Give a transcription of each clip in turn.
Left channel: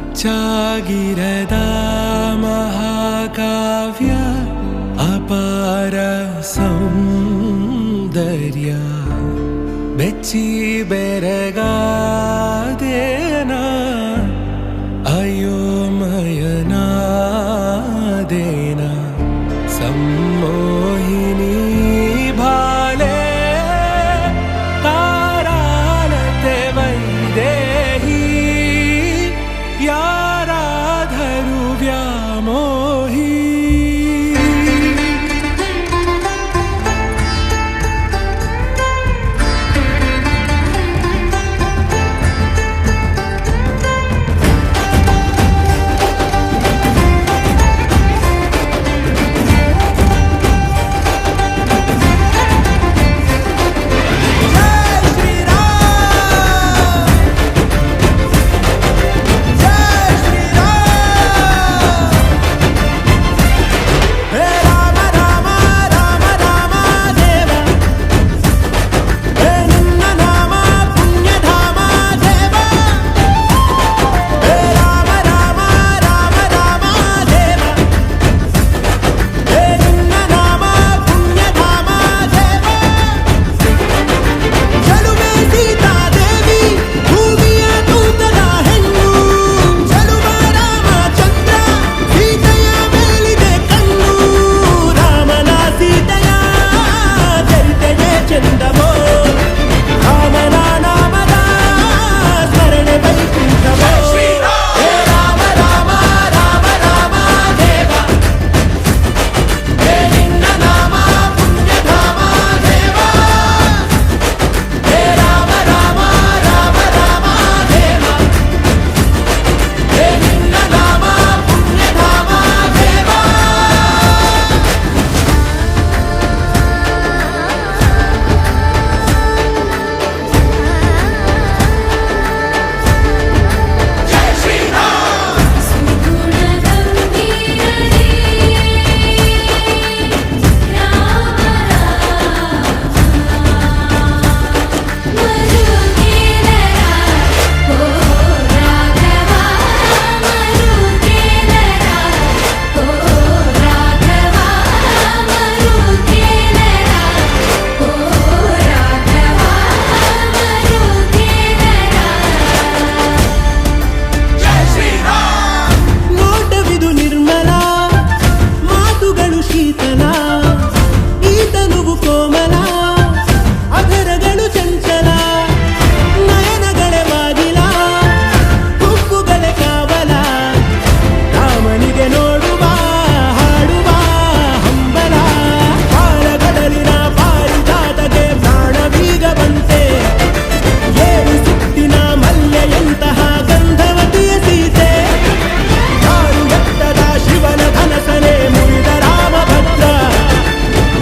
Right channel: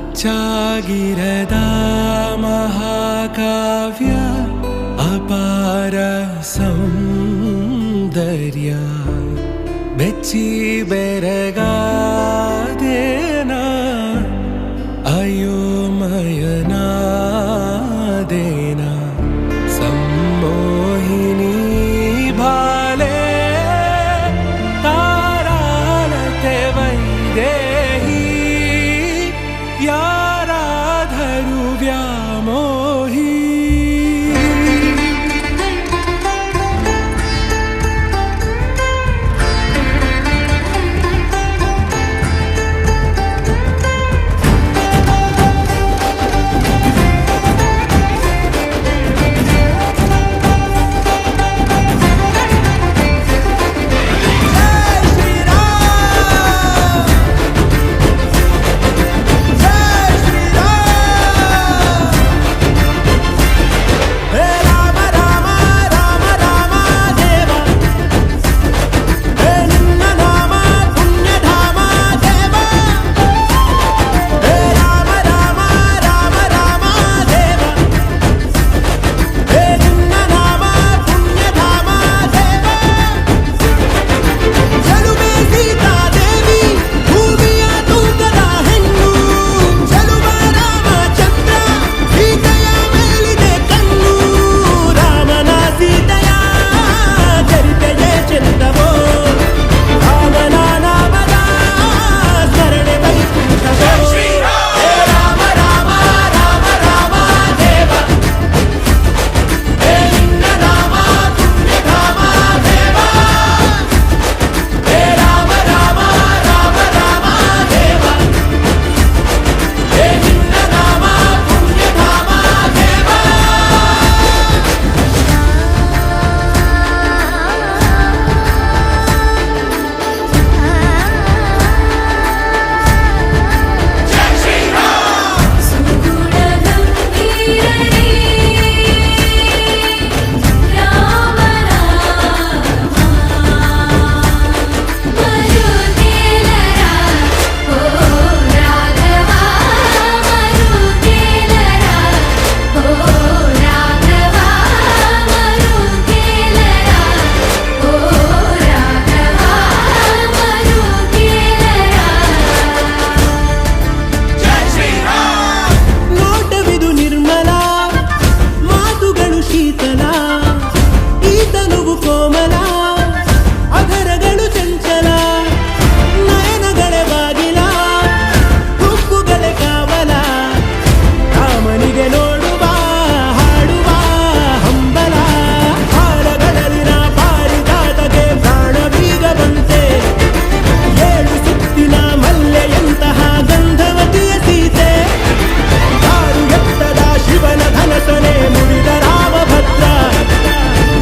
ಅಚ್ಚಾಗಿರದ ಮಹಾಕಾವ್ಯ ಅಪಾರ ಸೌಂದರ್ಯ ಬೆಚ್ಚಿ ಬೆರಗಾದೇನ ಅಯೋಮಯನಾದೇನ ಸಮ್ಮೋಹಿನಿ ಭಾಲೆ ತಾರಾಲತೆ ವೈದೇಹಿ ಯಾರಾಧರು ವ್ಯಾಮೋಹಿ ಚಂದವೋ ರಾಮನ ನಾಮದ ಸ್ಮರಣೆ ವೈಕುಂಠವೋ ಹೇ ರಾಮ ರಾಮ ರಾಮ ರಾಮ ದೇವ ಹೇ ನಿನ್ನ ನಾಮ ಪುಣ್ಯಧಾಮ ದೇವ ಹೇ ರಾಮ ರಾಮ ರಾಮ ರಾಮ ದೇವ ಹೇ ನಿನ್ನ ನಾಮ ಪುಣ್ಯಧಾಮ ದೇವ ನಿರ್ಮಲ ಮಾತುಗಳು ಶೀತಲ ಈತನುವು ಕೋಮಲ ಅಧರಗಳು ಚಂಚಲ ನಯನಗಳೇ ಬಾಗಿಲ ಹುಬ್ಬುಗಳೇ ಕಾವಲ ರಾಮನಿಗೆ ನೋಡುವ ಹಾಡುವ ಹಂಬಲ ಪಾಲಗಳಲ್ಲಿನ ಪಾರಿಜಾತಕ್ಕೆ ಪ್ರಾಣ ಬೀಗ ಬಂತೆ ಏಳು ಸುತ್ತಿನ ಮಲ್ಲೆಯಂತಹ ಗಂಧವತಿಯ ಸೀತೆ ಯಾರು ಎತ್ತದ ಶಿವನ ಧನಸನೆ ಮುರಿದ ರಾಮಭದ್ರ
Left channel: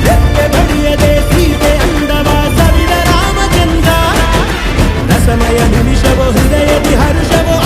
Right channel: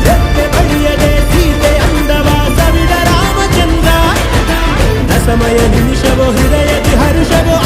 ರೆತ್ತೆ ಬಳಿಯದೆ ಸೀತೆ ಅಂದವ ಸವಿದ ರಾಮಚಂದ್ರ ರಸಮಯ ನಿಮಿಷವೋ ಹೃದಯದಿ ಹರುಷವೋ